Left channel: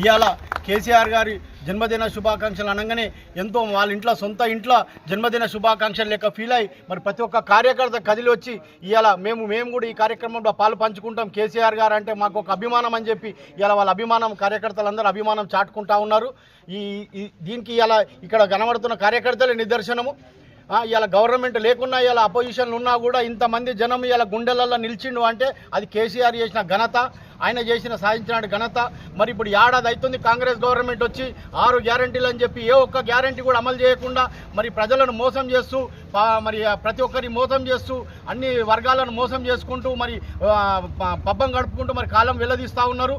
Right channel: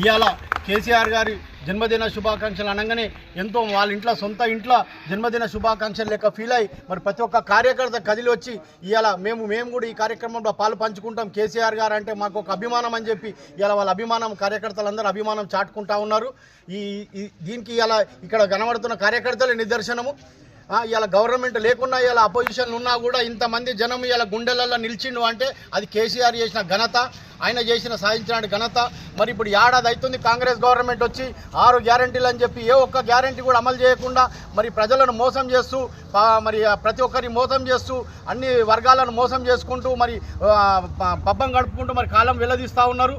ఇవాళ కేసీఆర్ గారి జన్మదిన శుభాకాంక్షలు అనగానే ఎంతో వాళ్ళ ఇంట్లో సొంత ఇంట్లో జన్మదిన శుభాకాంక్షలు లెక్క ఫీల్ అయ్యి మరి ప్రతి ఒక్క కార్యకర్త కదిలి వచ్చి ఇవాళ మేము కూడా ఈ కార్యక్రమంలో పాలు పంచుకుంటాం. కేసీఆర్ గారు అంటే మాకు ఒక అభిమానం అని చెప్పి ఇవాళ వాళ్ళ అభిమానం కార్యకర్తలందరూ అభిమానం చాటుకుంటా ఉన్నారు. దీనికి ఇవాళ ఇక్కడ కనబడుతున్న కార్యకర్తలే నిదర్శనము. ఇవాళ గవర్నమెంట్ లేకున్నా ఇవాళ అపోజిషన్ ఉన్నా కూడా ఇంతమంది జనం ఇవాళ గుండెలలో నిలిచిండు అంటే అది కేసీఆర్ చేసిన ఘనత, ఆయన చేసిన సాధించిన ఘనత. మరి ఇప్పుడు ఏడాది అవుతుంది కాంగ్రెస్ గవర్నమెంట్ వచ్చి 6 గ్యారంటీలు అని చెప్పి ఏ ఒక్క గ్యారంటీ కూడా అమలు చేయకుండా మరి ప్రజలను మోసం చేస్తూ మరి ప్రతి ఒక్కరిని మోసం చేస్తూ అన్ని వర్గాలను మోసం చేసుకుంటూ మరి పబ్బం గడుపుకుంటూ మరి కాలం వెల్లదీస్తూ ఉన్నారు.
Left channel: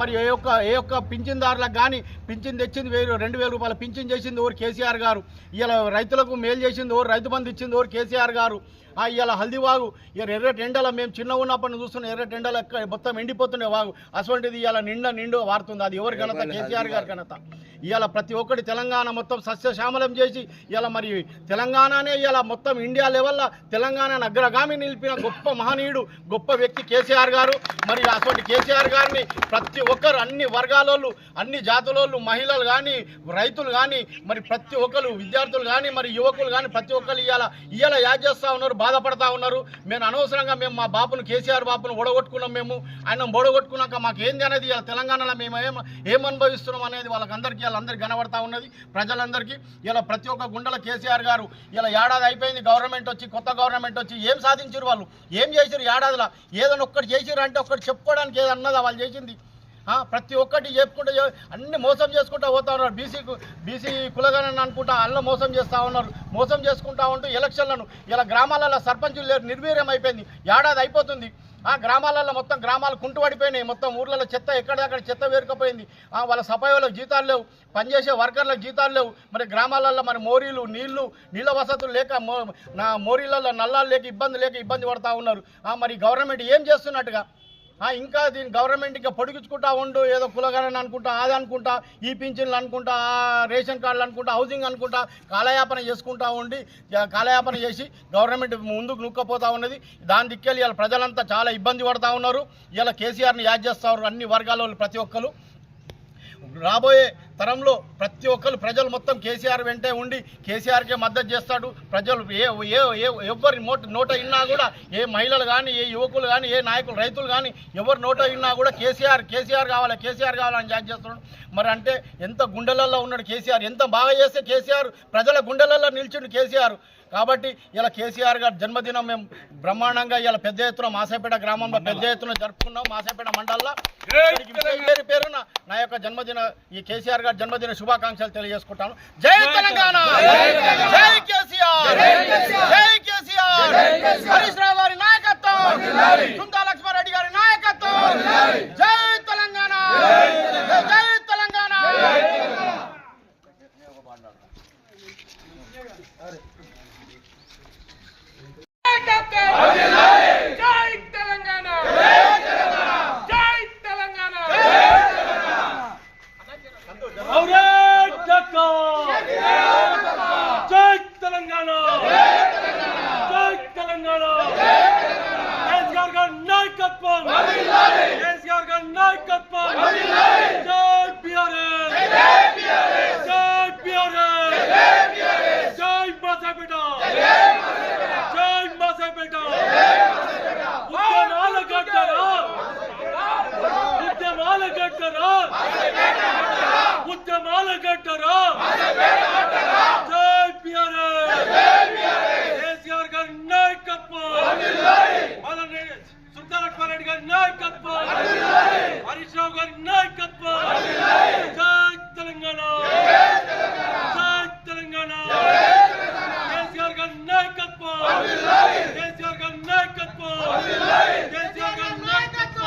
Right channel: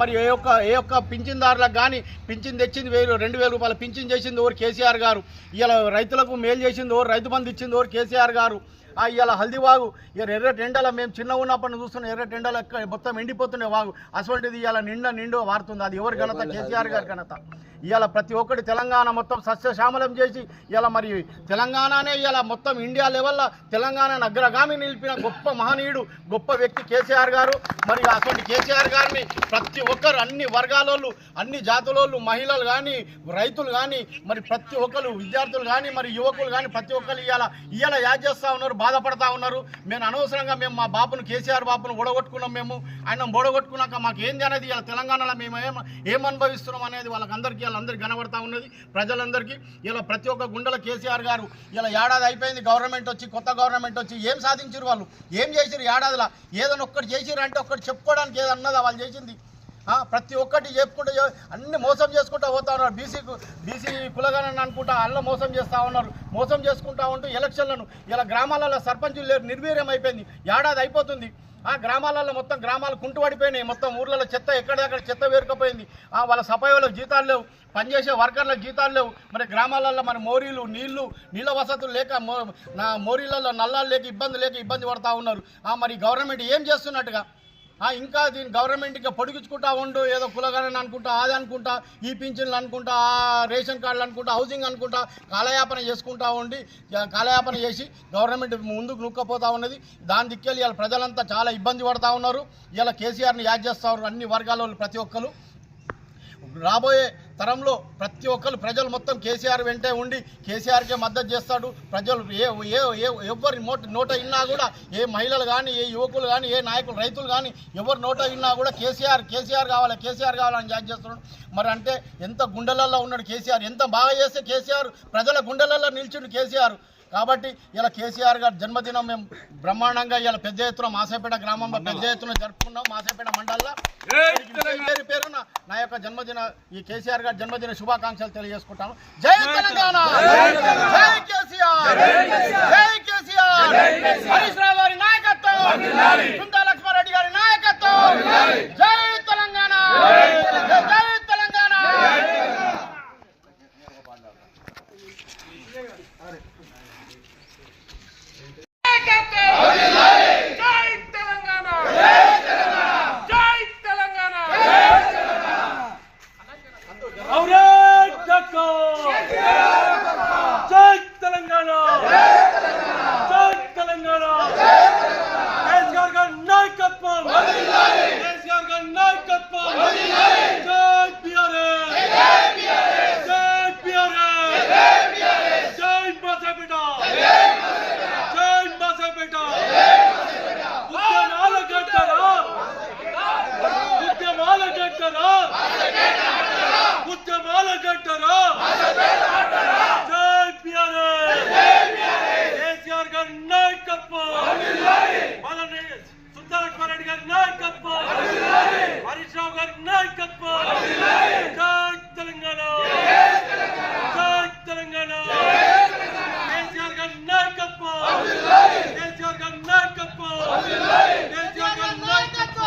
మరి ఏ ఒక్క పింఛన్దారులకు కానీ పింఛన్ తెచ్చింది 2,000 రూపాయల పింఛన్ చేసింది ఎవరు? కేసీఆర్ గారు. ఇలా రైతులకు మేలు చేసింది ఎవరు? రైతు బంధు ఇచ్చింది ఎవరు? కేసీఆర్ గారు. ఇవాళ హల్దీవాగు ఎర్రటి ఎండల మేము చిన్న ఉన్నప్పటి చూస్తున్న ఎర్రటి ఎండల మొత్తం ఎండిపోతుండే వాగు అటువంటిది ఇవాళ నిండు వారుతుంది. అది ఎవరి ఘనత? కేసీఆర్ గారి ఘనత. ఇవాళ ప్రతి ఒక్కటి తెలంగాణ మొత్తం సస్యశ్యామలం చేసి ఇవాళ మరి తెలంగాణనే ఇవాళ మొత్తం ఇండియా లెవెల్లో తెలంగాణను అగ్రగామి నిలిపిన గొప్ప మహనీయుడు, గొప్ప వ్యక్తి కేసీఆర్ గారు. మరి అటువంటి కేసీఆర్ గారిని ప్రతి ఒక్కరు అన్ని వర్గాలోళ్ళు, అన్ని జాతులోళ్ళు, మహిళలు కానీ, రైతులు కానీ, మరి ప్రతి ఒక్కరు విద్యార్థులు కానీ, మరి యువకులు కానీ ప్రతి ఒక్కరు ఇవాళ యాడ్ చేస్తూ ఉన్నారు, బాధపడతా ఉన్నారు. మేము అనవసరంగా మా బాపును కేసీఆర్ బాపును ఓడగొట్టుకున్నాం. ఆయన ఓడగొట్టుకున్నాక మాకు ఏంది అనేది ఇలా తెలంగాణలో మేము ఏం అనుభవిస్తున్నాం అనేది వాళ్ళకందరికీ అందరికి కనబడతా ఉన్నది, ప్రజలందరికీ. ఇలా ప్రతి ఒక్క గుండెల కేసీఆర్ గారు ఇలా ఏడాది అయిపోయింది గవర్నమెంట్ వచ్చి, కొత్త గవర్నమెంట్ వచ్చి ఏం సాధించారు వాళ్ళు? ఏం చేశారు ఏడాదిలో? ఏదైనా ఒక్కటి చేసిరు అంటే ఒక్కటి చెప్పుకోవడానికి ఏదన్నదా వాళ్ళు చేసింది? ప్రతి ఒక్కటి చెప్పుకుంటూ అన్ని మోసం చేసుకుంటూ పోతా ఉన్నారు. బీసీ కులగణన అనుకుంటా అల్ల మోసం చేస్తూ ఉన్నారు. మోసం చేసుకుంటా ఉంటూ ఎలక్షన్లను ఇలా గ్రామాలలో సర్పంచులు లేరు, నిర్వీర్యం అయిపోయింది. ఏడాది అయిపోతుంది. గ్రామాలలో మొత్తం గ్రామాలు కుంటుపడిపోయినాయి. మొత్తం ఊర్లలో చెత్త ఎక్కడెక్కడ చెత్త వేరుకపోయింది. వాళ్ళ సఫాయి వాళ్ళకి జీతాలు లేవు, పనిచేసే వర్కర్లకు జీతాలు లేవు. మరి గ్రామాలలో మరి మోరీలు నీళ్ళ వసతులు లేక మోరీలలో నల్లాలు లేక ఇబ్బంది పడతా ఉన్నారు. మరి గవర్నమెంట్ ఏం చేస్తున్నట్టుగా? ఇంకా దీని గవర్నమెంట్ ఇంకా పొడిగించుకుంటా ఉండు, ఏదో కులగణన అనుకుంటా, అది అనుకుంటా, ఈ పింఛన్లు అనుకుంటా, రేషన్ కార్డులు అనుకుంటా, హౌసింగ్ అనుకుంటా కాలయాపన చేసుకుంటా ఉండి కాలయాపన చేసి గవర్నమెంట్ ముందుకు నూక్కపోతా ఉన్నది. దాని దిక్కెళ్ళి ఇలా ప్రజలంతా చాలా ఇబ్బంది పడతా ఉన్నారు. ఇలా కేసీఆర్ని యాడ్ చేస్తూ ఉన్నారు అన్ని వర్గాల ప్రతి ఒక్కరు. రాబోయే తరంలో ప్రతి ఒక్కరు ప్రజలు మొత్తం కేసీఆర్ వెంటే ఉండి కేసీఆర్కే మద్దతు చేస్తాడు. ప్రజలు ఎవరి నోట విన్నా కూడా, ఏ మహిళలు కానీ, ఏ యువకులు కానీ, ఏ నాయకులు రైతులు కానీ ఎవరి నోట విన్నా కూడా కేసీఆర్ కావాలని జాయిన్ చేస్తున్నాడు. మరి అంటే ఎంత గుండెలలో ఉన్నాడు కేసీఆర్, ఎంత బాగా చేస్తే కేసీఆర్ ప్రజల గుండెలలో నిలిచిండు కేసీఆర్. కాబట్టి ఇలా కేసీఆర్ గారి జన్మదినం మేము బ్రహ్మాండంగా ఇలా పెద్ద ఎత్తున మాసేపేట గ్రామంలో పెద్ద ఎత్తున జరుపుకున్నాం. మాసేపేట మండలంలో పేరున నా యొక్క ఈ కేసీఆర్ గారి జన్మదిన శుభాకాంక్షలు తెలియజేసుకుంటాను. జై తెలంగాణ, జై కేసీఆర్, జై కేసీఆర్. హరీష్ రావు గారి నాయకత్వం, సుంతా లక్ష్మారెడ్డి గారి నాయకత్వం. జై తెలంగాణ, జై తెలంగాణ. రెడ్డి గారి నాయకత్వం, హరీష్ రావు గారి నాయకత్వం. జై తెలంగాణ, జై తెలంగాణ. కేసీఆర్ గారి నాయకత్వం, కేసీఆర్ గారి నాయకత్వం, కేసీఆర్ గారి నాయకత్వం.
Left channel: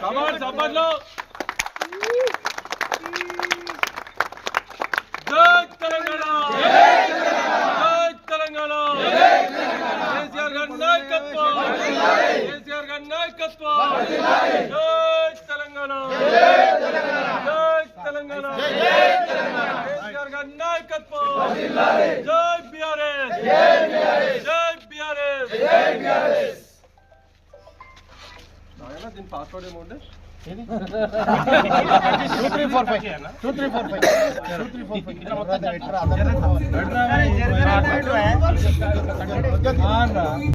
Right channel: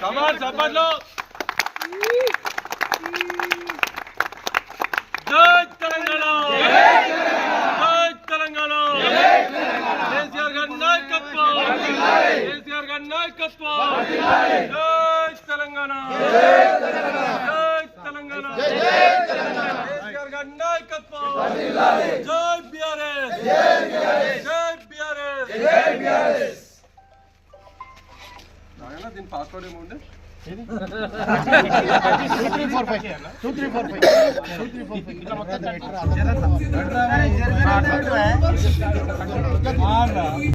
కమాన్ సభలో జై తెలంగాణ జై తెలంగాణ కేసీఆర్ గారి నాయకత్వం కేసీఆర్ గారి నాయకత్వం జై తెలంగాణ జై తెలంగాణ కేసీఆర్ గారి నాయకత్వం జై బీఆర్ఎస్ జై బీఆర్ఎస్ దీని పాస్వర్డ్ ఏముంది 2345 2345